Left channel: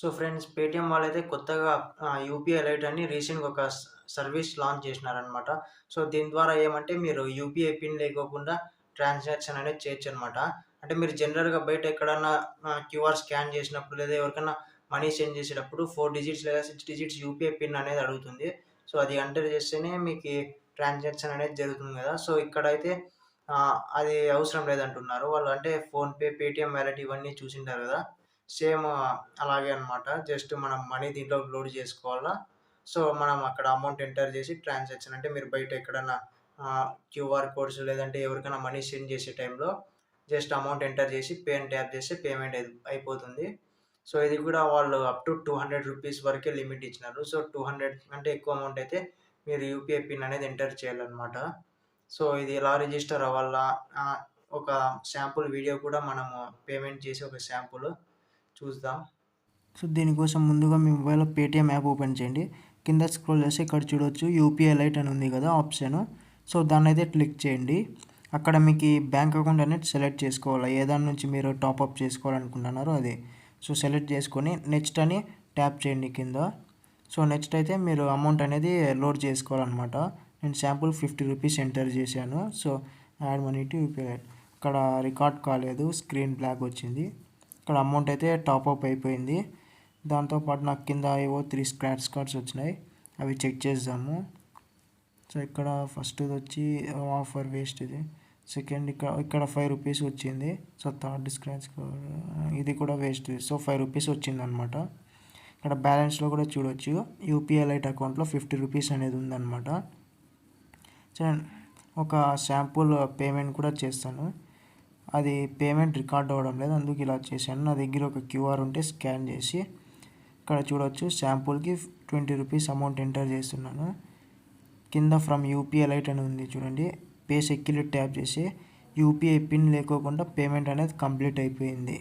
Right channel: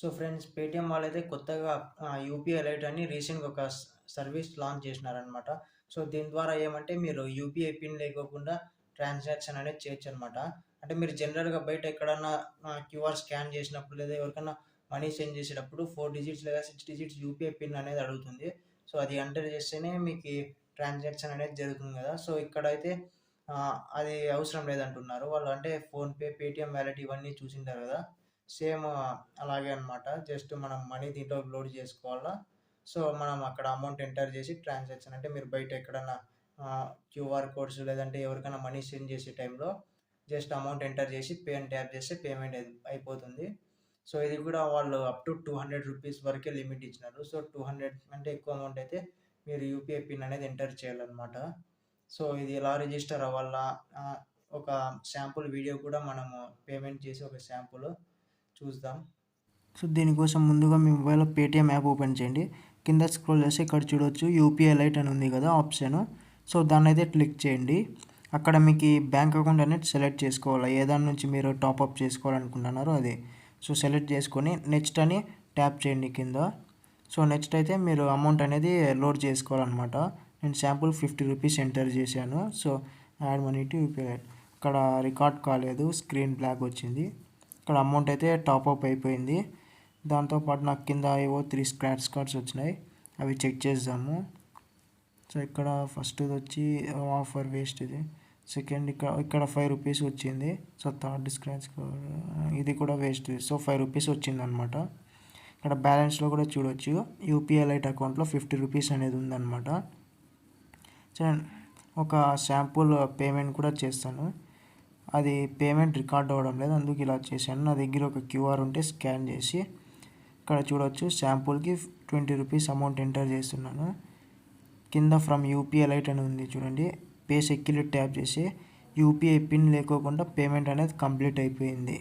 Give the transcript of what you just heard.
So friends, Paytm వాళ్ళైతే కొత్తగా UPI light అని రీసెంట్‌గా ఒక సర్వీస్ లాంచ్ చేసినారనమాట. సో దీని ద్వారా ఏమంటే మీరు యూపీఐ పిన్ లేకోకుండా ట్రాన్సాక్షన్ అనేది చేయొచ్చనమాట. అంటే మీరు జనరల్‌గా బయట ఎక్కడన్నా క్యూఆర్ స్కాన్ చేసినప్పుడు లేదా ఎవరికైనా మనీ సెండ్ చేసేటప్పుడు 4 డిజిట్స్ లేదా 6 డిజిట్స్ యూపీఐ పిన్ అనేది అడుగుతుంది. సో అది ఎంటర్ చేస్తేనే మీకి ట్రాన్సాక్షన్ అనేది జరుగుతుంది కదా! సో ఇక్కడైతే అది అవసరం లేదంటున్నారు. వాళ్ళు అంటే ఫోన్‌పే, పేటీఎం వాలెట్ ఇవన్నీ చూసింటారు కదా! సేమ్ అలాగే అన్నమాట. జస్ట్ మనం మనీ దీంట్లోకి లోడ్ చేసుకోవాలా. సో, మనం అక్కడ అమౌంట్ ఎంటర్ చేసి ట్రాన్సాక్షన్ అంటే మీరు బయట ఎక్కడన్నా క్యూఆర్ కోడ్స్ లేదంటే ఎవరికైనా మనీ సెండ్ చేసే టైంలో జస్ట్ అమౌంట్ ఎంటర్ చేసి పే అని ట్యాప్ చేస్తే పేమెంట్ అయిపోతుంది. సో, ఇది కూడా వాళ్ళు అప్ టు రూ. 200 వరకే లిమిట్ ఇచ్చినారు. సో, 200 అంటే ఎక్కువ అమౌంట్ అయితే మీరు యూపీఐ పిన్ అనేది ఎంటర్ చేయాలన్నమాట. సో, ఇది ఎలా రిజిస్టర్ అవ్వాలా? ఒక శాంపుల్ వీడియో కూడా మనము పేమెంట్ చేసి ఒక శాంపుల్ చూద్దాం. సో దీనికోసం ముందుగా మీ మొబైల్లో పేటీఎం యాప్ ఓపెన్ చేయండి. కింద స్క్రోల్ చేసి ఇక్కడ చూడొచ్చు యూపీఐ లైట్ అని ఉంది కదా ఆప్షన్. సో దాన్ని అయితే క్లిక్ చేయండి. అక్కడ మీకు బ్యాంక్ అకౌంట్ అనేది సెలెక్ట్ చేసుకోవాలి. ఏ దాని నుంచి మీరు టాప్అప్ చేసుకోవాలనుకుంటున్నారో అది. సో సెలెక్ట్ చేసుకొని నెక్స్ట్ అని ట్యాప్ చేయండి కింద. సో నెక్స్ట్ అయితే మీరు అమౌంట్ అనేది లోడ్ చేసుకోవాలన్నమాట. నేను శాంపుల్ రూ. 50 ఎంటర్ చేశాను. So add money to UPI light. ఇక్కడ రికార్డ్ కాలేదు, స్క్రీన్ బ్లాక్ వచ్చింది. ఇక్కడ అమౌంట్ అయితే టాప్అప్ అయిపోయింది. దాంతోపాటు నాకు కింద ఏవో 3 స్క్రాచ్ కార్డ్స్ వచ్చినాయి, అవి చెక్ చేద్దాము. సో ఇక్కడ ఫస్ట్ వచ్చి ఆఫర్ వేస్ట్ ఇది. సెకండ్ ఇక్కడ రూ. 5 వచ్చింది. సో థర్డ్ స్క్రాచ్ కార్డ్ ఇది కూడా వేస్ట్. సో రూ. 5 వచ్చింది అనమాట. ఇక్కడ బ్యాలెన్స్లో కూడా చూడొచ్చు యూపీఐ లైట్ అకౌంట్లో రూ. 50 అనేది ఉందన్నమాట. సో ఒక శాంపుల్ పేమెంట్ కూడా చేస్తాను. అది పేమెంట్ రికార్డ్ అవ్వడం లేదు, అందుకు ఇలా చేశాను. నా దగ్గర ఒక క్యూఆర్ ఉంటే స్కాన్ చేసి ఇక్కడ చూడొచ్చు శాంపుల్కి రూ. 20 అమౌంట్ ఎంటర్ చేస్తున్నాను. కింద ఫ్రమ్ యూపీఐ లైట్ అని ఉంది చూడండి. పే సెక్యూరిటీ ట్యాప్ చేసి యూపీఐ పిన్ లేకోకుండా పేమెంట్ అనేది కంప్లీట్ అయిపోయింది.